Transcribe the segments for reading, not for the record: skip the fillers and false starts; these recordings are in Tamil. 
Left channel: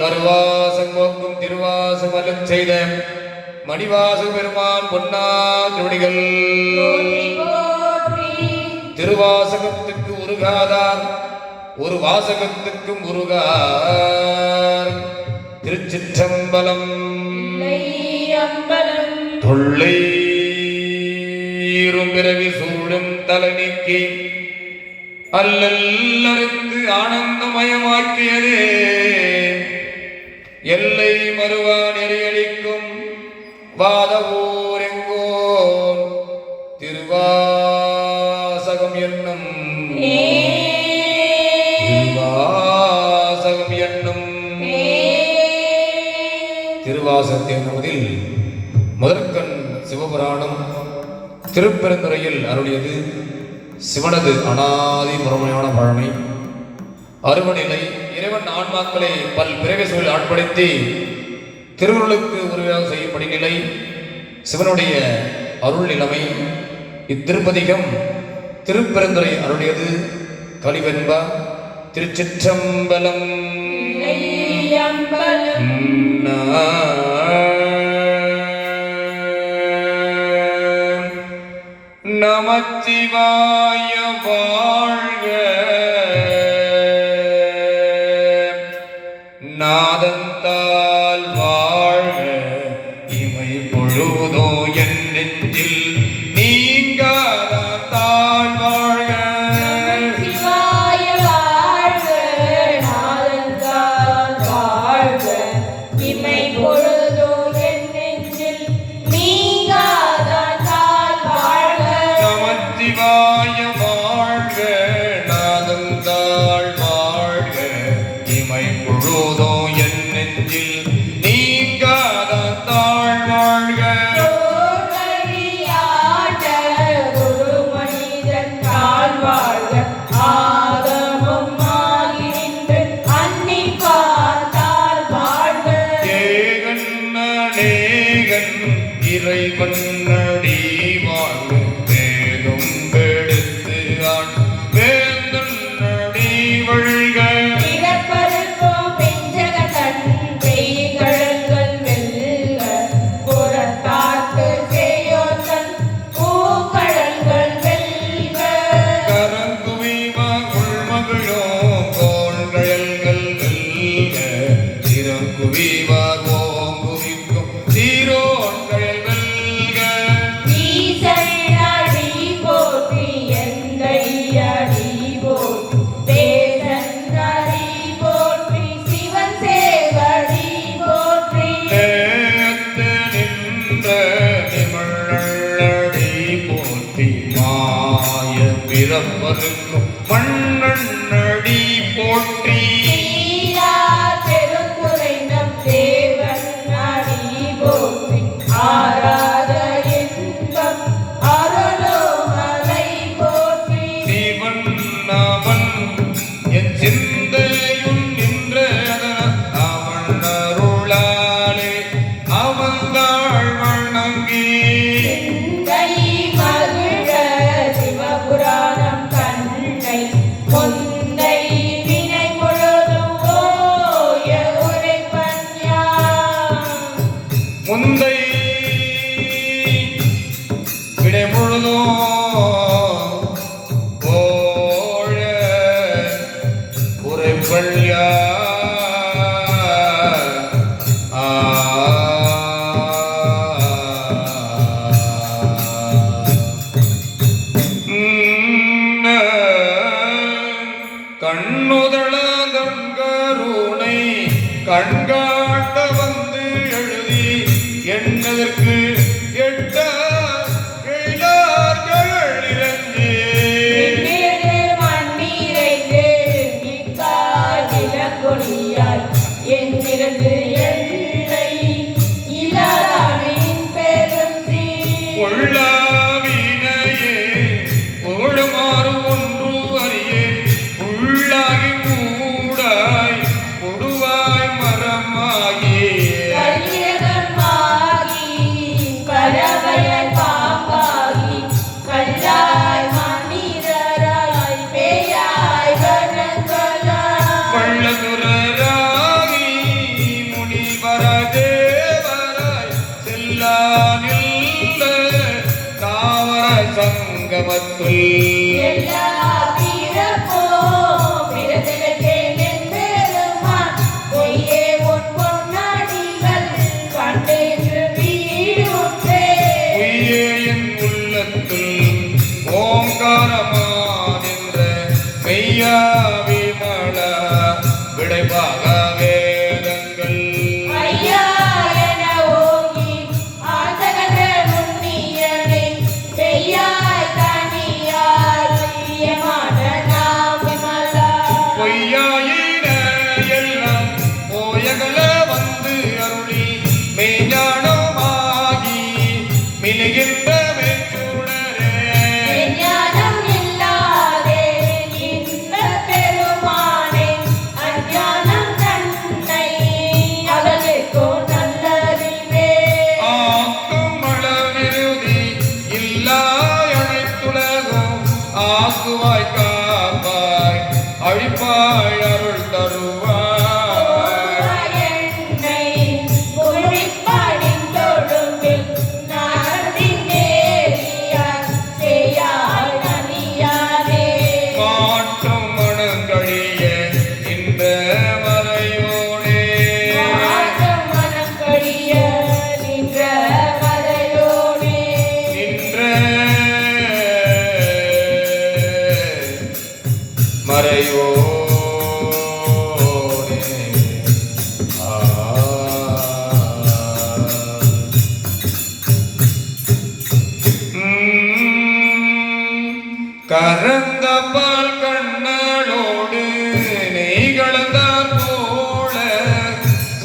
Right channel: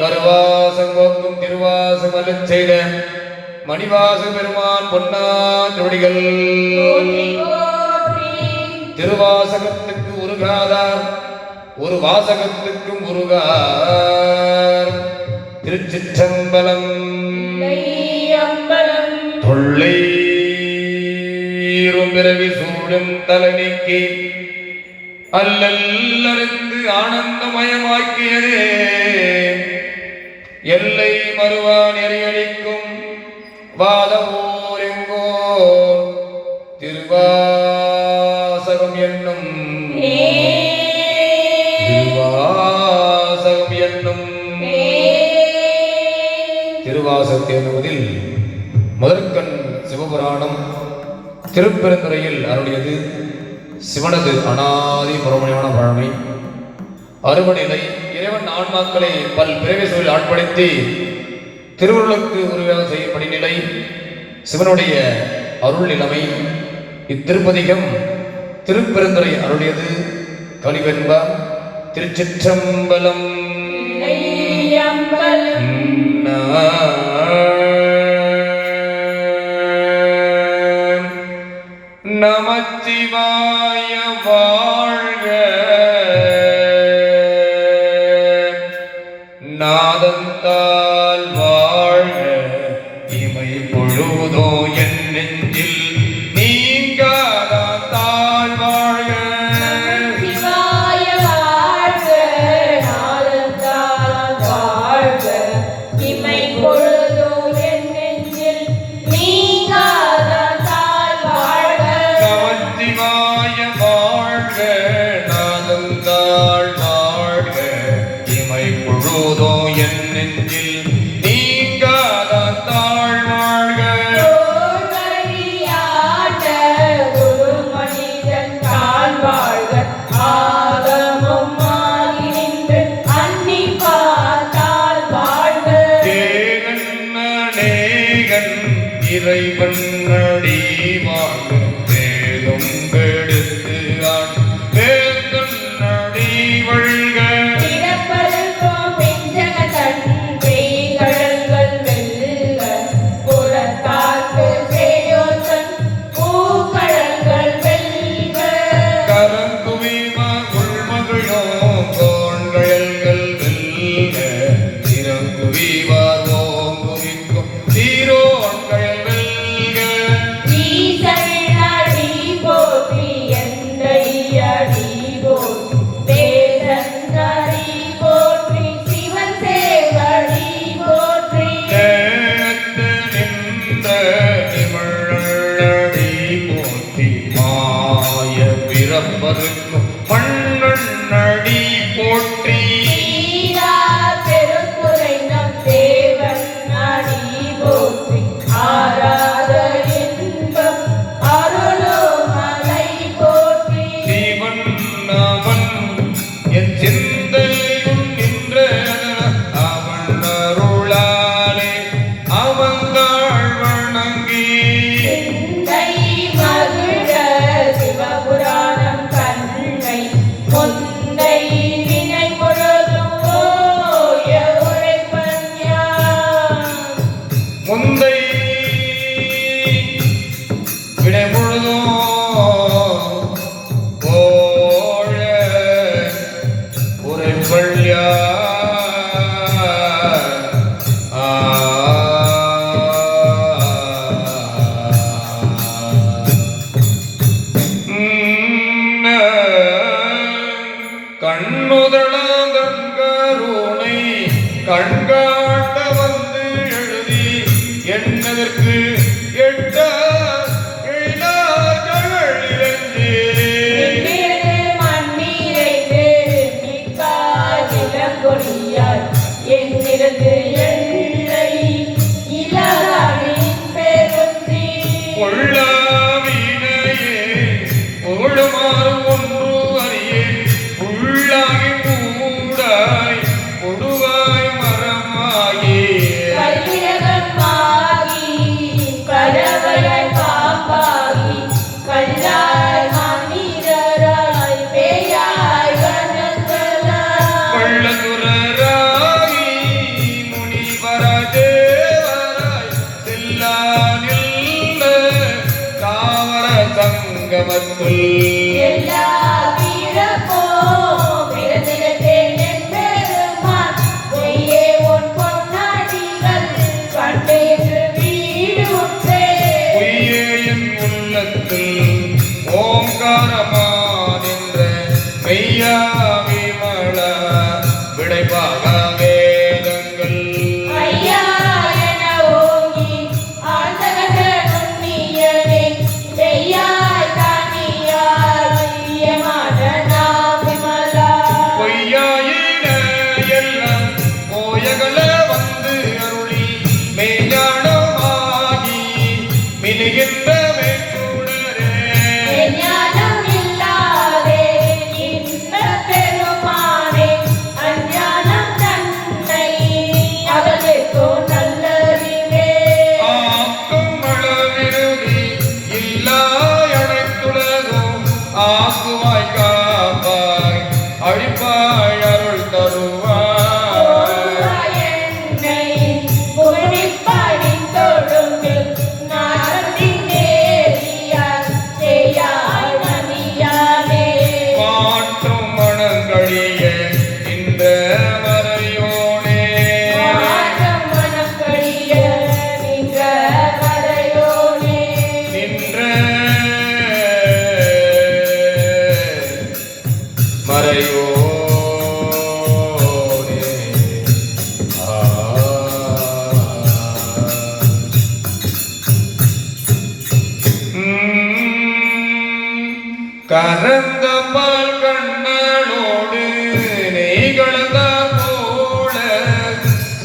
கருவாசம் திருவாசம் அருள் செய்த மணிவாச பெருமான் பொன்னாடிகள் திருவாசகத்துக்கு உருகாதார் ஒரு வாசகத்துக்கு முருகார். திருச்சிற்றம்பலம். தொல்லை பிறவி சூடும் தலனிக்கு அல்லல்லறிந்து ஆனந்தமயமாக்கியதே எல்லை மறுவா நெறியளிக்கும் வாதவோரெங்கோ திருவாசகம் என்னும் திருவாசகத்தை என்பதில் முதற்கண் சிவபுராணம் திருப்பெருந்துறையில் அருளியது சிவனது அனாதி புறமையான பழமை அருமநிலை இறைவன் ஆன்மாக்களை பல் பிறவி சூழல் ஆட்படுத்தி திருவுருளுக்கு உருவாக செய்யப்படும் நிலை சிவனுடைய அருள் நிலைமை. இத்திருப்பதிகம் திருப்பெருந்துறை அருளியது கலிவென்பா. திருச்சிற்றம்பலம். நமச்சிவாய வாழ்க, நாதந்தால் வாழ்க, இமை பொழுதோ என் நெஞ்சில் நீங்காதால் வாழ்க. இறைவன் நடி வாழும் வேலும் கெடுத்து ஆண் வேந்தன் நடி வழிக கரங்குவிவார் உள்மகிழோ கோண்கழல்கள் வெல்க திறங்குவிவார் ஓங்குவிக்கும் தீரோ மண்ணடி போற்றி சிவன் நாமன் என் சிந்தையும் நின்ற அவன் அருளாலே அவங்காள் வணங்கி முந்தை விடைமுழுதோ கோழ ஒரு பள்ளியா கண்ணுதள கண்கருணை கண்காட்ட வந்து எழுதி என்னதற்கு எட்ட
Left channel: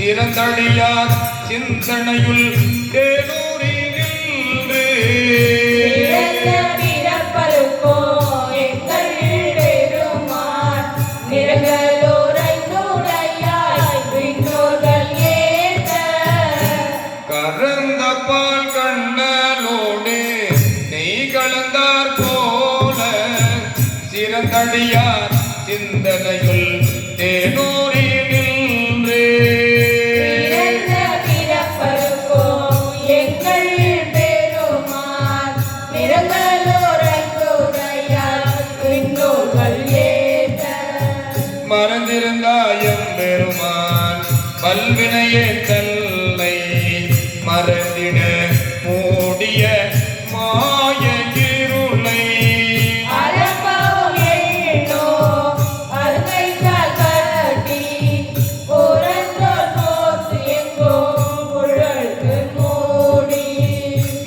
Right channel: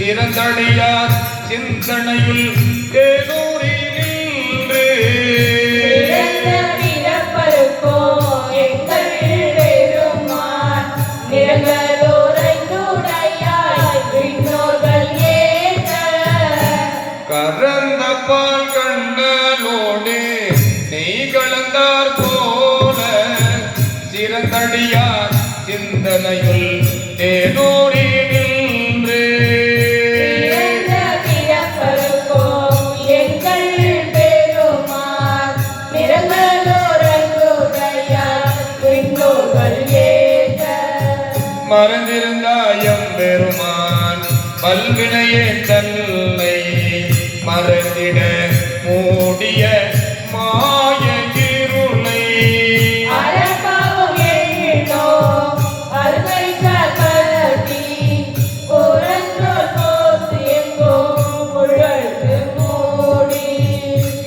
சிறந்தடியார் சிந்தனையில் தேனூரி நின்று கறந்த பால் கண்ணலோடு நெய் கலந்தார் போல சிறந்தடியார் சிந்தனையுள் தேனூரி நின்று மறந்திருந்தாயம் பெருமான் பல்வினையே தன்னை மறந்திட மூடிய மாய இருளை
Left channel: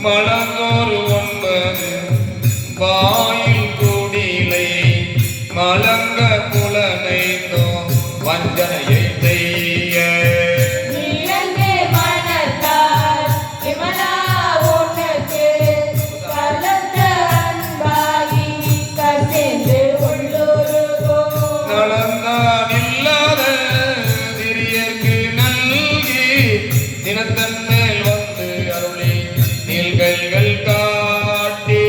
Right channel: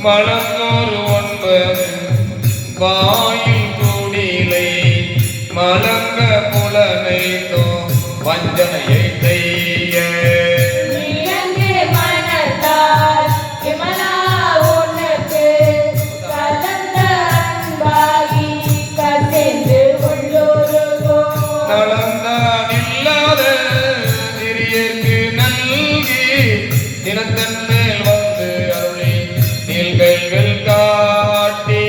மலங்கோர் ஒன்பது வாயில் கூடிலை மலங்க புலனை வஞ்சனையை செய்ய நலந்தானில்லாத சிறியர்க்கு நல்கி தினத்தன்மேல் வந்து அருளி நீள்கைகள் காட்டி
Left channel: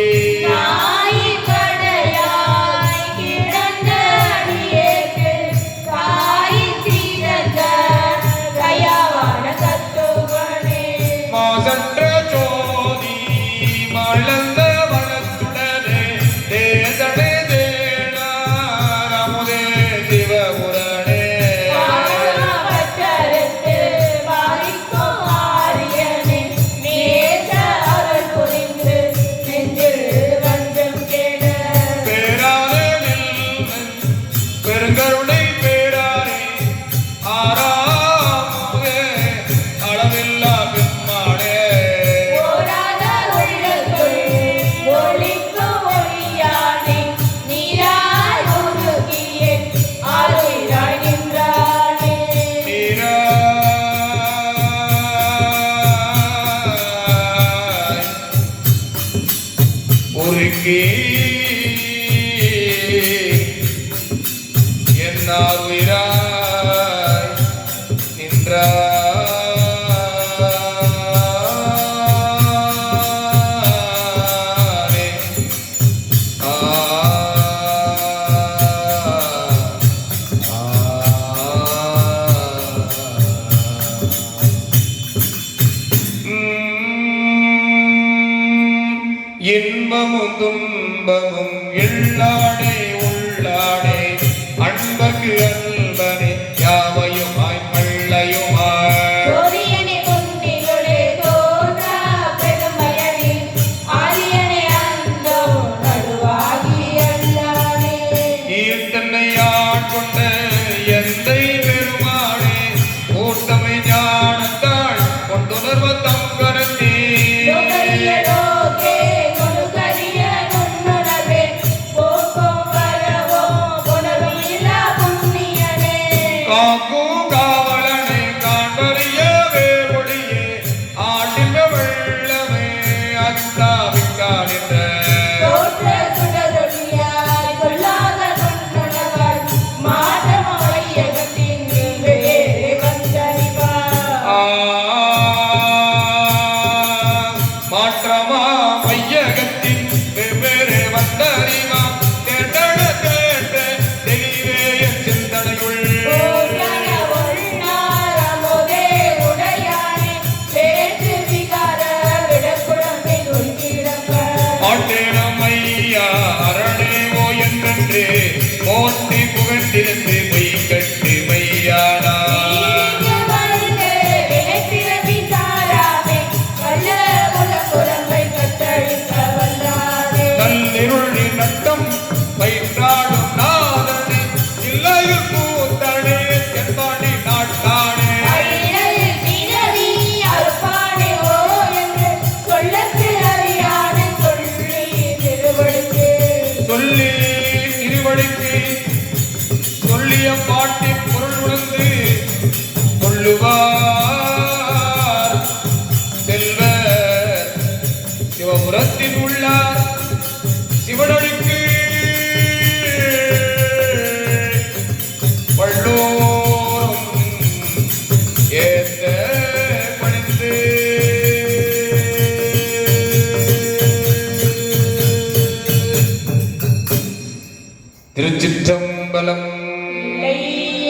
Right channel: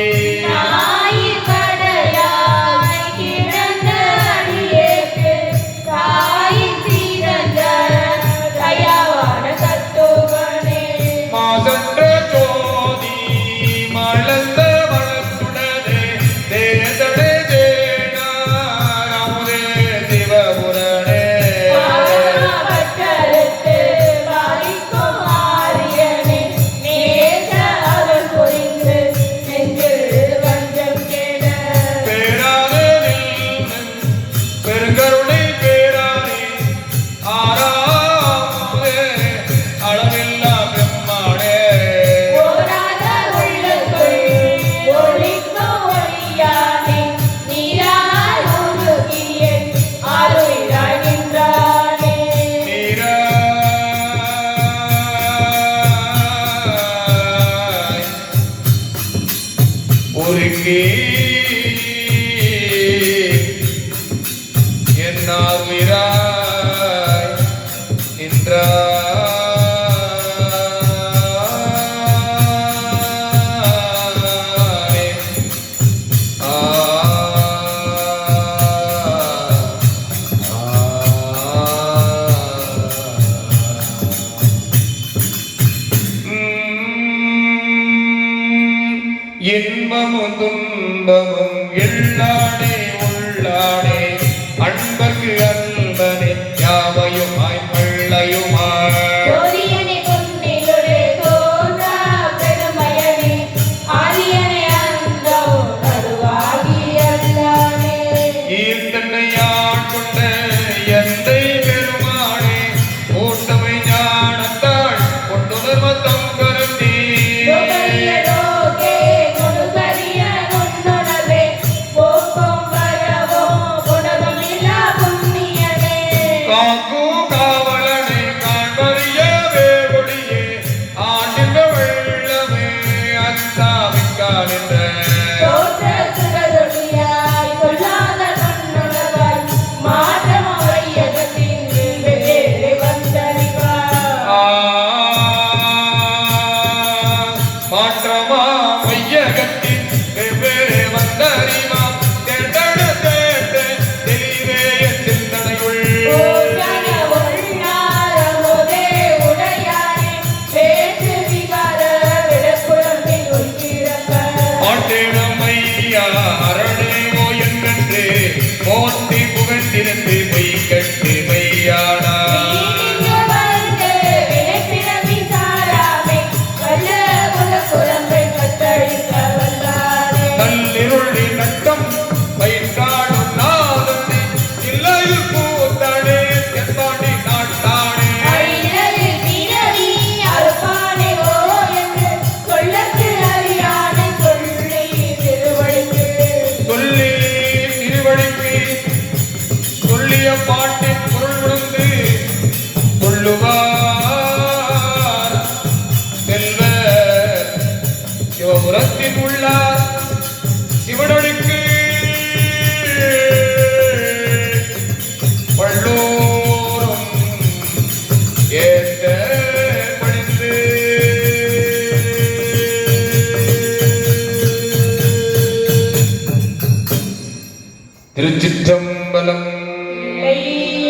மாசற்ற ஜோதி மலர்ந்த மனத்துடனே தேசடே தேனாரமுதே சிவபுரணே பேராதே பெருங்கருணை பேராரி ஆறாமுதே அளவில்லா பெருமானே ஒருக்கி என்னார் உயிராய் நின்றாரே. இன்பமும் துன்பமும் எல்லாடே உள்ளாடே அன்பர்க்கு அன்பனே யாவையுமாய் பிள்ளையுமாய் ஈர்த்தன்னை ஆட்கொண்ட எந்தை பெருமானே கூட்டமை ஞானத்தாள் கொண்டுணர்வ தம்பரத்தே காக்கும் காவலனை காண்ப உள்ளார் சிவனடிக்கு வள்ளோரும் ஏத்த பணிந்து திருச்சிற்றம்பலம்.